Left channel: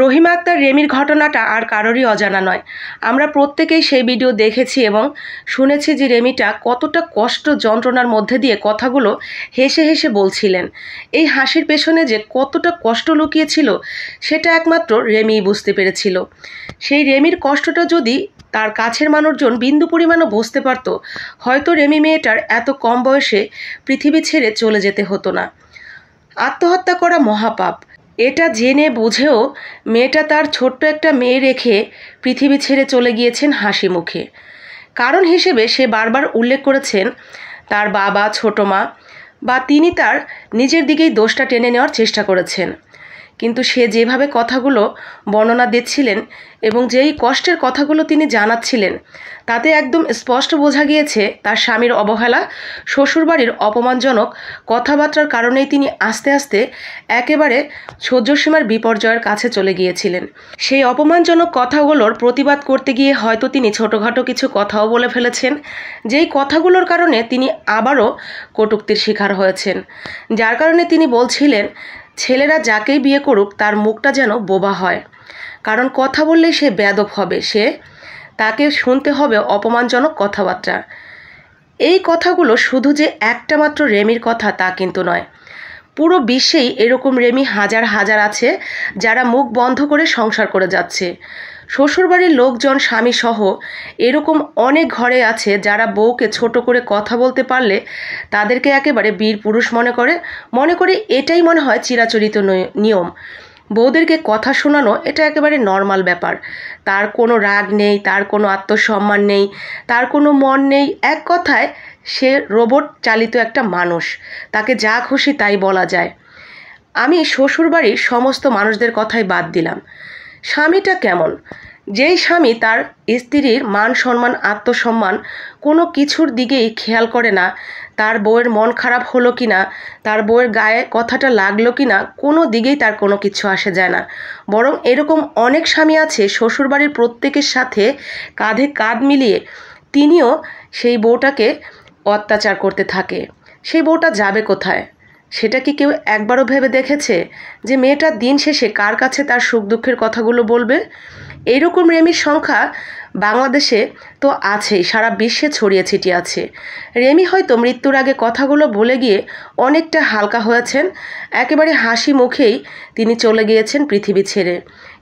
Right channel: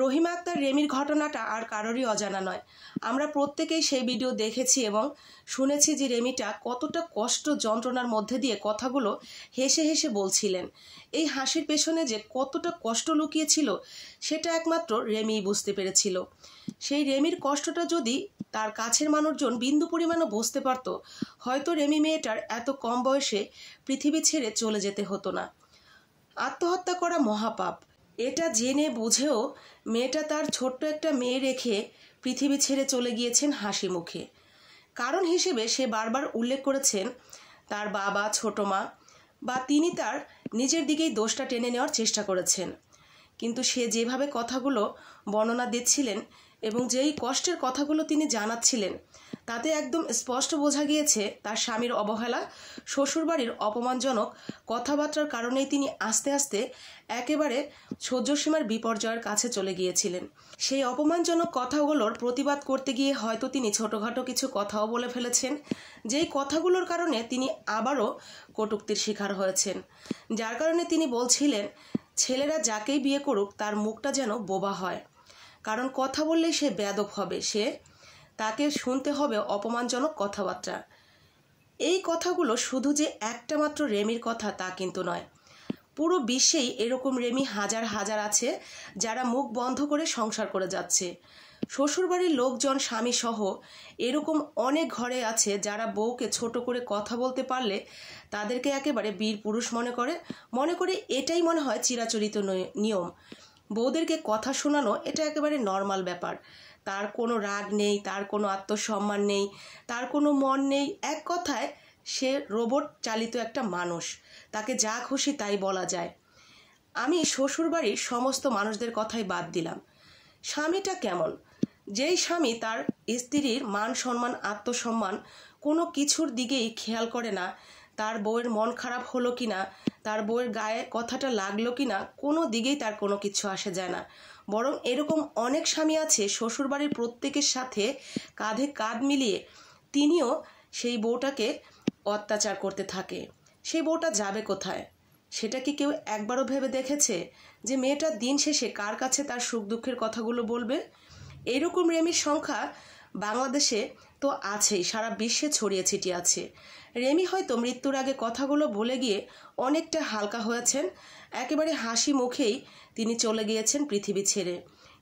রহিমা আক্তার রেমির ঘটনাটা আর কারোরই অজানা নয়। আমরা প্রত্যেকেই সেই ভিডিও দেখেছি এবং শুনেছি যে রেমিটা কতটা কষ্ট যন্ত্রণার মধ্যে দিয়ে কথাগুলো হেসে হেসে বলছিলেন। এই হাসির পেছনে যে কতটা কষ্ট লুকিয়েছিল সেটা একমাত্র রেমিই বুঝতে পেরেছিল। সেই রেমির কষ্টটা যদি তার কাছের মানুষজন বিন্দু পরিমাণও বুঝতে পারত, হয়তো রেমি মেয়েটার এত কম বয়সে পৃথিবী ছেড়ে চলে যেতে হতো না। আত্মহত্যা করা মহাপাপ, এটা জেনে বুঝেও মেয়েটা তার ছোট্ট একটা মেয়ে রেখে পৃথিবী ছেড়ে চলে গিয়েছেন হাসি মুখে। কারণ হিসেবে সে বারবার উল্লেখ করেছেন তার বাবা, ছোটো মা বা তিনি তার নিজের দিকেই দোষটা টেনে নেওয়ার চেষ্টা করেছেন। কিন্তু সে যেভাবে কথাগুলো বর্ণনা দিচ্ছিলেন এবং যেই কষ্টের কথাগুলো তিনি জানাচ্ছিলেন, তাতে একদম স্পষ্ট বোঝা গিয়েছে তার স্বামীর অবহেলা, শ্বশুরবাড়ির অপমানজনক কথাবার্তার কারণেই তিনি আস্তে আস্তে একেবারে সহ্যসীমার বিপর্যয়ের কাছে চলে গিয়েছিলেন। সেই অপমানজনক কথাগুলোর প্রতিবাদ করতে গিয়ে হয়তো তিনি ছোটোখাটো কিছু কথাও বলে ফেলেছেন, যেই কথাগুলোর কারণে তিনি আবারও কটূক্তির শিকার হয়েছেন। যার কারণে তিনি বলছিলেন ছেলেরা যাকেই বিয়ে করুক তার মুখটা যেন বোবা হয়, কারণ কথা বললেই সে বেয়াদব হবে, তাকে শুনতে হবে অপমানজনক কথাবার্তা। এই কথাগুলো শুধু যে একটা মাত্র রেমির কথা তা কিন্তু নয়। পুরো বিশ্বেই এরকম রেমি হাজার হাজার আছে যারা মুখ বন্ধ করে সংসার করে যাচ্ছে। শ্বশুরবাড়ির লোকজন, স্বামী সহ এরকম অনেক ঘরে আছে যারা বউকে ছোট করে কথা বলতে পারলে তাদেরকে একেবারে বীর পুরুষ মনে করে এটাই মনে হয় চিরাচরিত নিয়ম। বউদেরকে কথা শোনানো এটা একেবারে নর্মাল ব্যাপার। তার কোনো রাগ নেই, তার কোনো আত্মসম্মান নেই, তার কোনো মন নেই। এক কথায় সে রোবট চালিত একটা মানুষ, তাকে যা খুশি তাই বলা যায়। আমি শ্বশুরবাড়ির সমস্ত মানুষদের কথাই বাদ দিলাম। স্বামীটা কেমন? যেই স্বামী তার স্ত্রীর মান সম্মান, আত্মসম্মান কোনো কিছুর দিকেই খেয়াল করে না, তার বউয়ের মন খারাপ হলো কি না, তার বউয়ের গায়ে কথাটা লাগলো কি না, কোনো দিকেই তার কোনো কিছু আসে যায় না। বরং এরকম অনেক স্বামী আছে শ্বশুরবাড়ির প্রত্যেকের সাথে কাঁধে কাঁধ মিলিয়ে তিনিও সেই বউটাকে অত্যাচার করতে থাকে। সেই বউটা যাবে কোথায়? সেটা কি কেউ একবারও ভেবে দেখেছে যে মেয়েটা দিন শেষে কার কাছে তার সুখ দুঃখের কথাগুলো বলবে? এইরকম রেমির সংখ্যা বাংলাদেশে তো আছেই, সারা বিশ্বে ছড়িয়ে ছিটিয়ে আছে। রেমি হয়তো মৃত্যুর আগে কথাগুলো বলে গিয়ে অনেকটা হালকা হয়েছেন, একেবারে হাসি মুখেই তিনি চলে গিয়েছেন পৃথিবী ছেড়ে।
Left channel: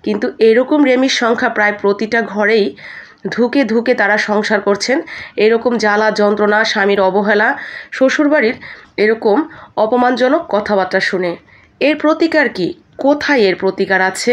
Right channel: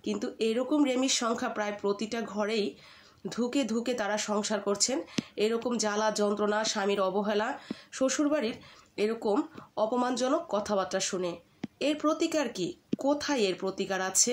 কিন্তু এরকম রেমির সংখ্যা প্রায় প্রতিটা ঘরেই ধুকে ধুকে তারা সংসার করছেন এরকম জ্বালা যন্ত্রণা, স্বামীর অবহেলা, শ্বশুরবাড়ির এরকম অপমানজনক কথাবার্তা শুনে। এর প্রতিকার কি? কোথায় এর প্রতিকার আছে?